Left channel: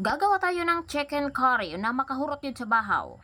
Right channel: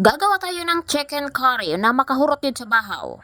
Gagawa tayo ng chicken curry na makahurot yun sa bahaw.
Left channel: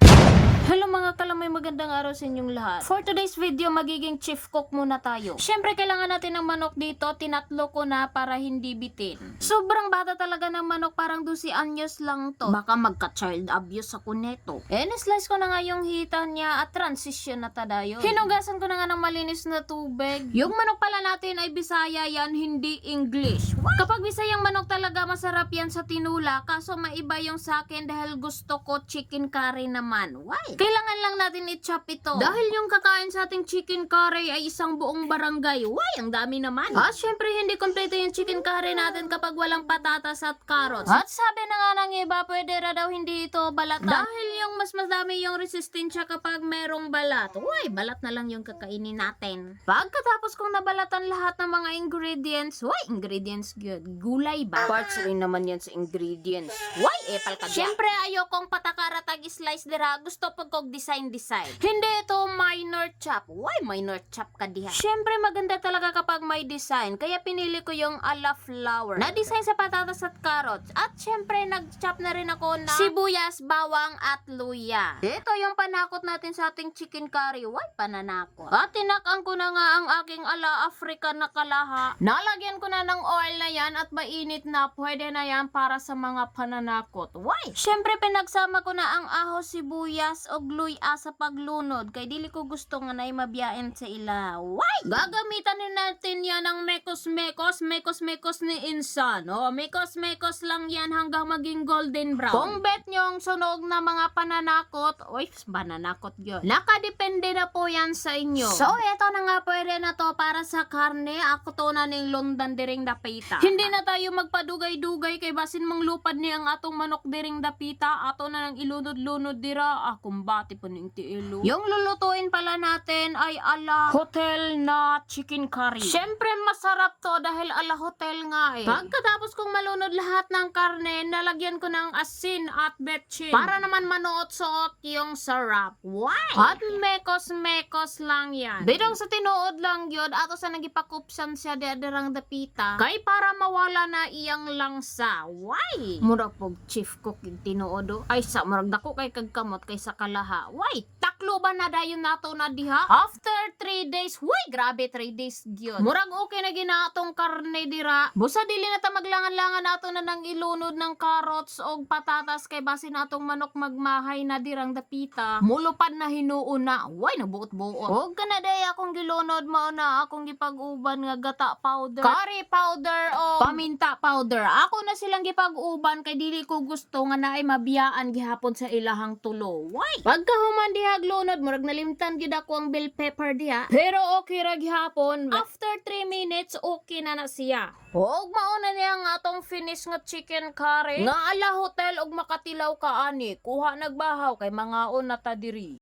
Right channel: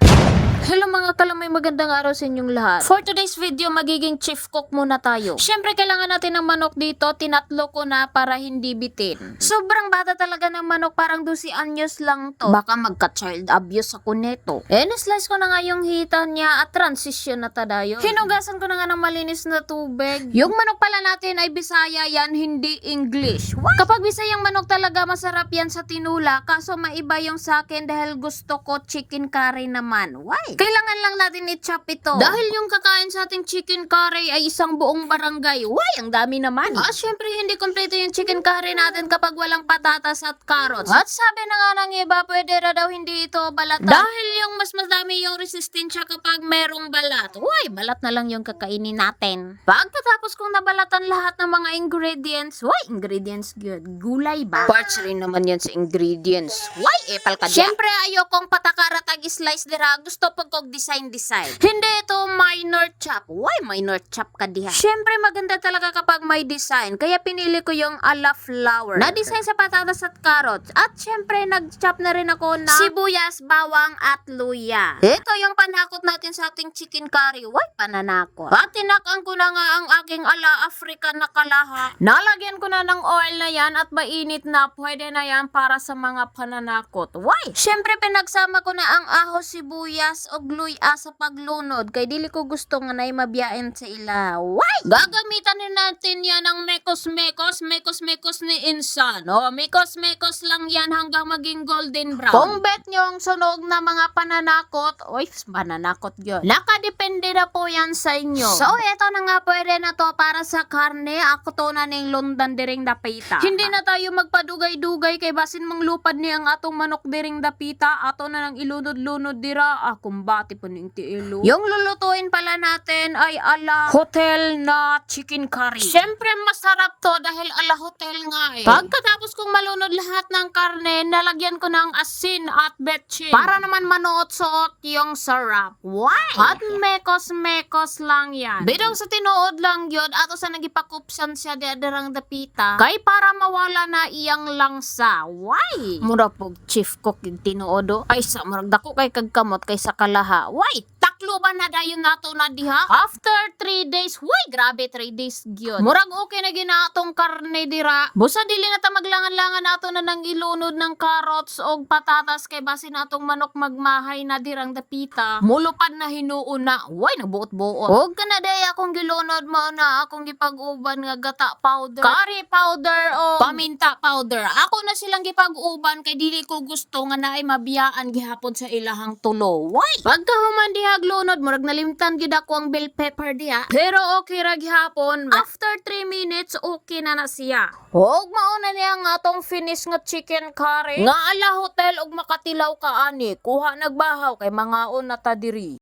Hello mga kalamay, magandang araw sa inyong lahat. For today's video, magiging chief cook muna tayo. Siyempre, kailangan natin ng manok dito. Tinatlo ko na para hindi bitin. Sobrang bata talaga ng manok, parang 12 anyos lang to. Baka magka-child abuse ako neto. Na-slice ko na nga yung hita niya at transition na tadayo. Hinugasan ko na nga ng malinis na tubig. Yung manok pala natin ay Bisaya yan, hindi English. What? Kapag Bisayang manok talaga, masarap yan sa tinula. Kaso maiba yung sa akin dahil gusto ko chicken curry naman. Why? Kailangan lang natin i-chop ito. Dahil yung kakain sa ating chicken curry ay isang buong barangay. Why? Ang dami naman. Syempre hindi kompleto yung chicken curry natin kapag walang patatas at carrots. At sabi na nga ng iba, pwede na daw hindi ito balatan. Dahil yung mas madami yung resistensya kapag merong balat. Why? Balat na lang yung kakainin natin. Pagkatapos kong nabalatan lahat ng mga ingredients, why? Ingredients good. Gulay ba? Parts rin naman yan sa ingredients. Why? Epal ka dyan. Siyempre ayokong patakaratag slice dira. Gusto po kog design. Hindi ito minor chop. Why minor chop ka diha? Siyempre maganda talaga kapag may design. Kaya pinili ko yung ala flower. Na-design sa patatas at carrots. At siyempre nag-chop na rin ako ng sibuyas, bawang at luya. Ito yung panakot natin sa ating chicken curry. Why pananakot? At tinakang ko na nga ang aking ala African na kalaha. Nalagyan ko na ng oil na yan at mainit na. Pwede na yan para sa mga pananakot. Why? Siyempre pinagsama ko na ang ahos, sibuyas o luya sa paglunod kay dili ko gusto nga nay mabiyain sa ila. Why? Gagamitan din natin yan ng mekos ni insan. Mekos lang yan hanggang maging golden brown. Kung bet nyo ang sunog na mga pananakot, pananakot yun. Nakadepende na po yan sa inyo. So, eto na nga, pwede na to para sa karne. Ako to na ning lundan diring dapita. Hindi na tayo magpadugay-dugay kay basin mang lupad ni ang atong manok diring dapita. Ato na nang ilunod-lunod dira. Kumbati po ning tiilo. Yung lulutuin pala natin ay ala hotel na chicken curry. Siyempre masarap to dahil ala hotel nga eh. Pagkatapos kong malunod lahat ng karne, nalagyan ko ng asin at betchin. Para naman manuot-suot yung sarap. Why? At mekos lang yan. Bidang sa tinuod lang yun, ato sa nagipakupsan siya darang dapita. Kay para mawala na iyang langsa. Why? Mura pog chief cook yung tinuodo. Ay sa murag dako kay kagkamot kay sa kalaha. Why? Taklo ba na dayon nato na diha? After 3 days, grabe 3 days gyud. Murag okay na ginatong karne dira. Busa dili na ta maglangan-langan nato na nang ilunod ng carrots og patatas kay base natong manok magmahay na dirang dapita. Mulupad na hinuon na. Nabuot-buot. Og kana day akong gilunod mo na akong gipag-uban nga gata powder, curry powder o paminta powder. Ako na silang gipag-uban kay dili ko gusto nga naay mabiyaan gihapon sa ilahang tulo. Why? Pagkahuman diha glunod, murag nalimtan gid ako ang bell pepper diha. Pero okay ra gihapon. After 3 minutes, okay na na siya. Og mauna niya nga atong finish nga chicken curry. Nga ala hotel og makatilaw ka ani. Kuha nagbahaw kay mangaon na ta diri.